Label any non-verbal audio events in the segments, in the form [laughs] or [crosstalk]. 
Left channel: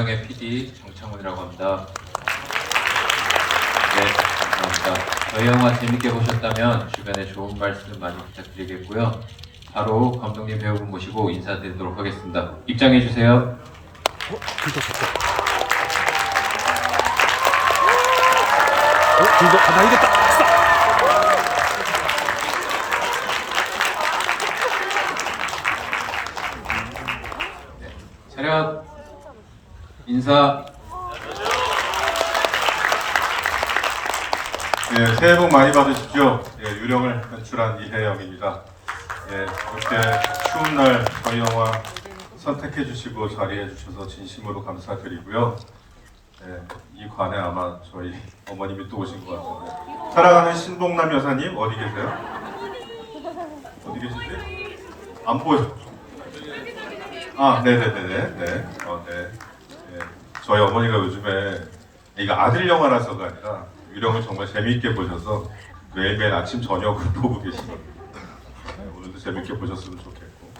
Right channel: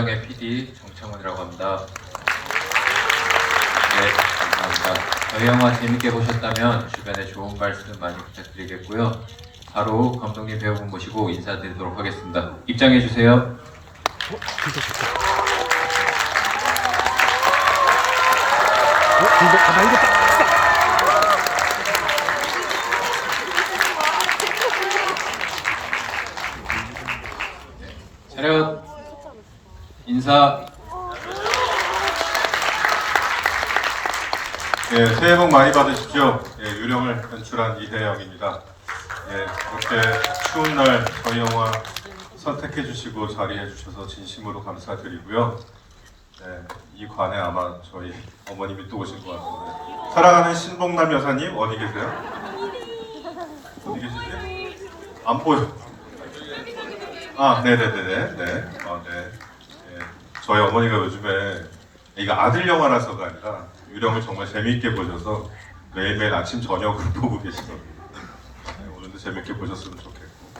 영의 PD 정창훈이라고 합니다. 네, 감사합니다. 저희 영화 재밌게 보셨다면 주변에 좋은 말씀 많이 부탁드리겠고요. 바로 감독님 배우분 모시고 인사드리도록 하겠습니다. 입장해 주세요. 어? 길도 좋다. 어? 길도, 아, 나 이겼다! 아싸! 차렷 인사 예, 새해 복 많이 받으십시오. 예, 유령을 연출한 이혜영입니다. 예, 이렇게 추운 날 저희 영화 선택해 주시고 자리해 주셔서 진심으로 감사드리고요. 예, 이 관에 아마 저희 어머님이 또 오신 것 같은데 사랑하는 신봉남 여사님 어디 계세요? 어디 계시세요? 안 보여. 아, 네네네네. 네. 어, 네. 예, 저희 어머니가 요즘에 이거 아들 영화라서가 아니라 유령을 정말 재미있게 보셔서 매일매일 아침 저녁으로 [laughs] 보고 계시거든요. 네, 오늘도 재밌게 보셨으면 좋겠고,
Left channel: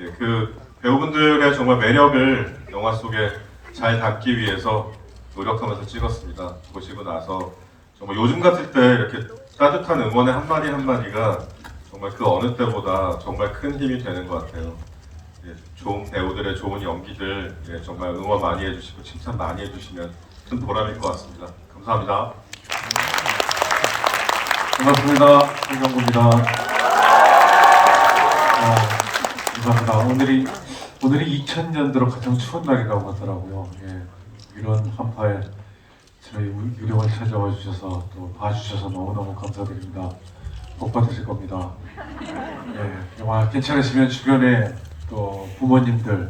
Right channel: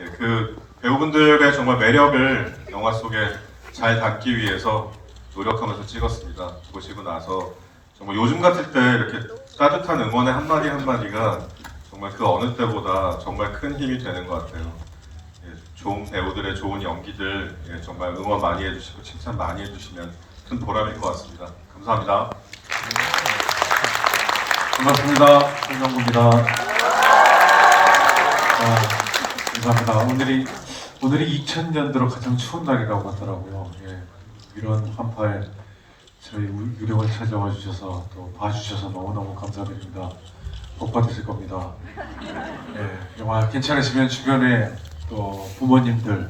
예, 그 배우분들의 정말 매력을 영화 속에 잘 담기 위해서 노력하면서 찍었습니다. 보시고 나서 정말 요즘 같을 때 이렇게 따뜻한 응원의 한 마디 한 마디가 정말 그 어느 때보다 정말 큰 힘이 되는 것 같아요. 예, 좋은 배우들의 좋은 연기들 예, 정말 응원 많이 해주시고 칭찬 많이 해주시면 큰 보람일 것 같습니다. 감사합니다. 반갑습니다. 홍정국입니다. 어, 감사합니다. 오늘이 오늘이 2000년도로 가장 추운 날이라고 하더라고요. 예, 이런 한파에 저희 유- 유령을 찾아와 주셔서 또 봐주셔서 너무너무 감사드립니다. 복 받으실 겁니다. 예, 영화 괜찮으시면 주변에 또 부모님들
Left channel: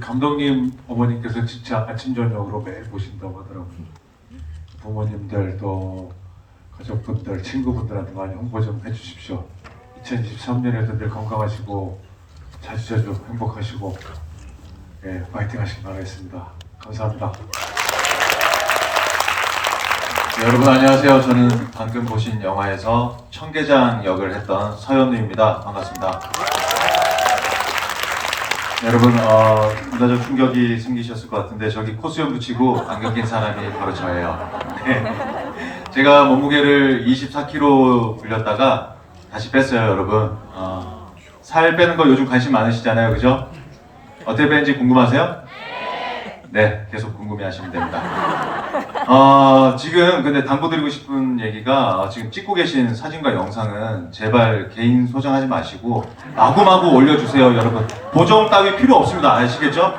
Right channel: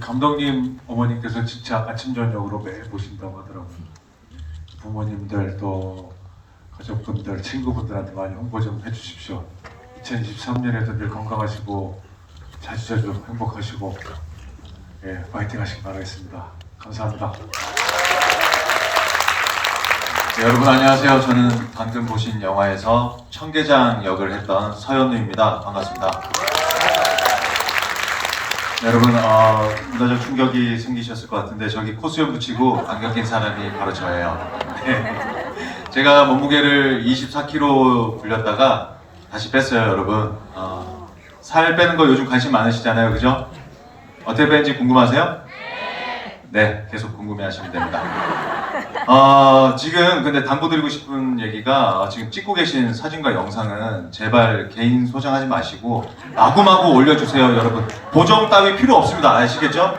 감독님 어머님께서 진짜 아침 저녁으로 매일 보신다고 하더라고요. 부모님들 또 가족분들, 친구분들한테 많이 홍보 좀 해주십시오. 2023년에도 늘 건강하시고 자주자주 행복하시고 예, 파이팅 하시기 바라겠습니다. 감사합니다. 네, 여러분 안녕하세요. 저는 방금 보신 영화에서 청계장 역을 했던 서현우입니다. 반갑습니다. 네, 여러분 어, 문화적 충격이 생기셨을 것 같은데 저기 코수염 붙이고 안경 낀 사람이 바로 저예요. 네. [laughs] 제가 몸무게를 24kg 불렸다가 다시 뺐어요, 여러분. 어, 살 빼는 거 요즘 관심 많으시잖아요, 그죠? 어떻게 빼는지 궁금하세요? 네, 계속 궁금해하시면 됩니다. 어, 지금 근데 당부드리고 싶은 얘기가 어, 지금 찍고 계신 사진과 영상은 제발 개인 소장하지 마시고 마구마구 올려주세요 여러분 보정 따위 필요 없습니다 아시겠죠?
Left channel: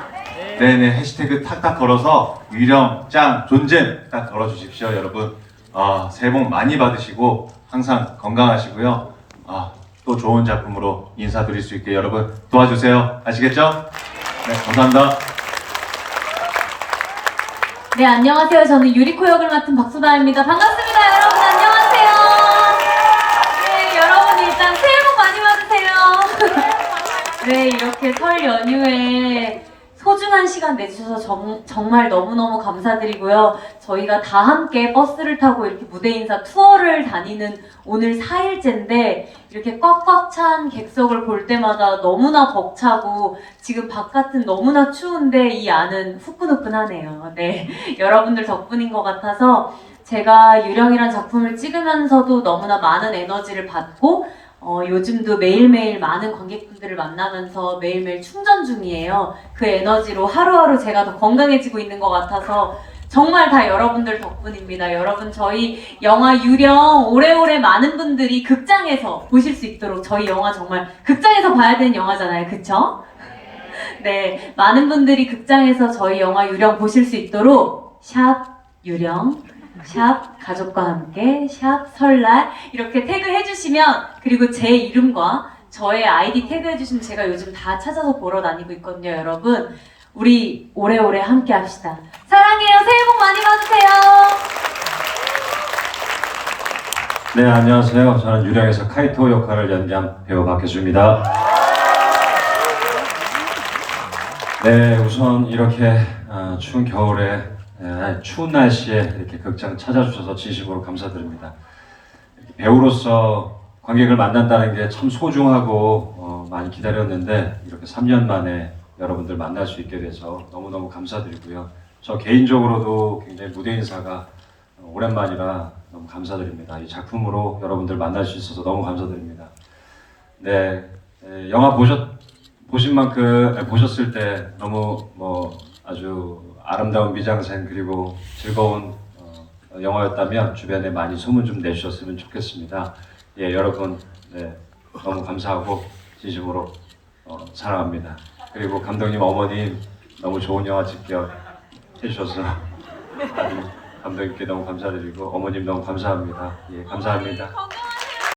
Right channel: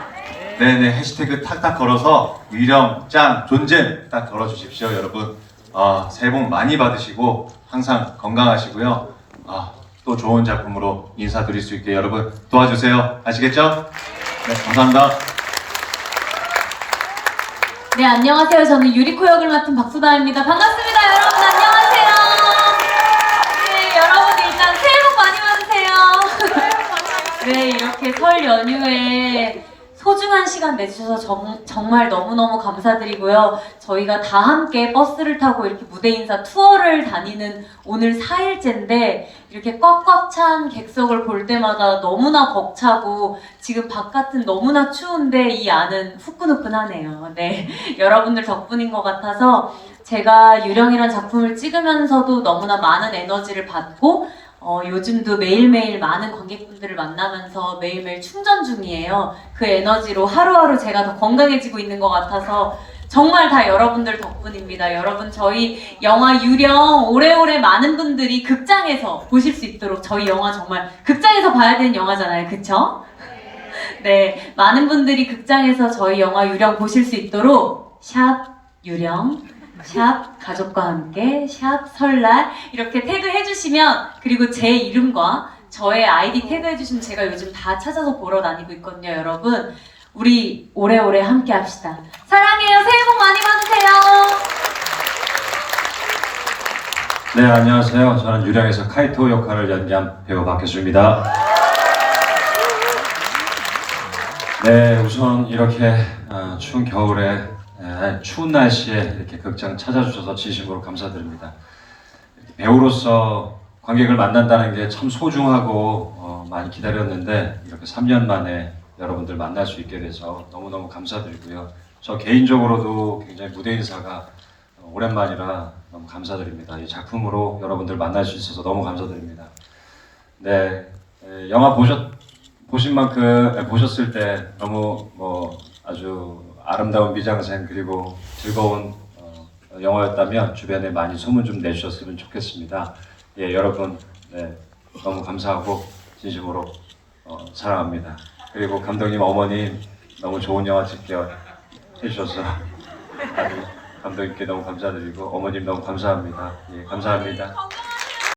네네 해시태그 탁탁 걸어서 유령 짱 존잼 딱 걸어주십시오 여러분 아, 새해 복 많이 받으시고 항상 건강하시고요 아, 또 좋은 작품으로 인사드릴 수 있게 여러분 도와주세요 아시겠죠? 네, 감사합니다 네, 안녕하세요. 저는 유리코 역을 맡은 박수다입니다. 반갑습니다, 여러분. 안녕하세요. 네, 여러분 일단 새해 복 많이 받으세요. [laughs] 네, 이렇게 설 연휴에 소중한 시간 내주셔서 정, 정말 너무너무 감사드리고요. 저희가 다 함께 버스를 타고 이렇게 무대 인사 투어를 다니는 오늘 4일째인데 이렇게 꽉꽉 찬 객석을 볼 때마다 너무나 벅차고 지금 바깥은 너무나 추운데 이 안은 후끈후끈하네요. 네, [laughs] 여러분들 덕분인 것 같아서 제가 유령이란 작품을 찍으면서도 너무나 많은 에너지를 받고 어, 요즘도 매일매일 많은 관객분들을 만나면서 매일매일 충전 중이에요. 그 에너지로 하루하루 제가 더 건강해지고 있는 것 같아서 정말 다 여러분들 덕분입니다. 여러분 저희 영화 유령 오래오래 많은 분들이 극장에서 보실 수 있도록 저희 영화 정말 극장에서 봐야 되는 영화잖아요. 그쵸? 네, 많은 분들이 극장에서 저희 영화 유령 보실 수 있도록 샵 유령, 샵 가족과 함께, 샵 설날 이렇게 태그 해 주시면 그리고 제 이름과 저의 아이디 태그 해 주시면 제가 요즘 다 찾아서 보러 다니고 있거든요, 여러분. 우리 오래오래 함께 합시다. 사랑해요. 새해 복 많이 받으세요. 네, 안녕하세요. 저는 유령에서 카이토 역할을 연기한 배우 박혜수입니다. 네, 우선 이렇게 어, 추운 겨울에 에, 추운 날씨에 이렇게 극장 찾아주셔서 진심으로 감사드립니다. 배우로서 관객을 만난다는 게 참 소중하고 어, 많이 기다렸는데 이렇게 3년 만에 여러분들 만날 수 있게 돼서 너무너무 감사드리고요. 저 개인적으로도 굉장히 무대 인사가 오랜만이라 너무 감사드립니다. 이 작품으로 여러분들 만날 수 있어서 너무 감사드립니다. 네, 에, 영화 보셨 보신 만큼 에, 보셨을 때 너무 뭐 아주 아름다운 미장센 그리고 즐거운 어, 영화였다면 주변에 많이 소문 좀 내주셨으면 좋겠습니다. 예, 여러분 네, 너무 감사하고 진심으로 어, 사랑합니다. 그리고 감독님 어머님 너무 좋은 영화 찍게 해주셔서 감독님께 너무 감사드리고 어머님 너무 감사합니다. 예, 감사합니다.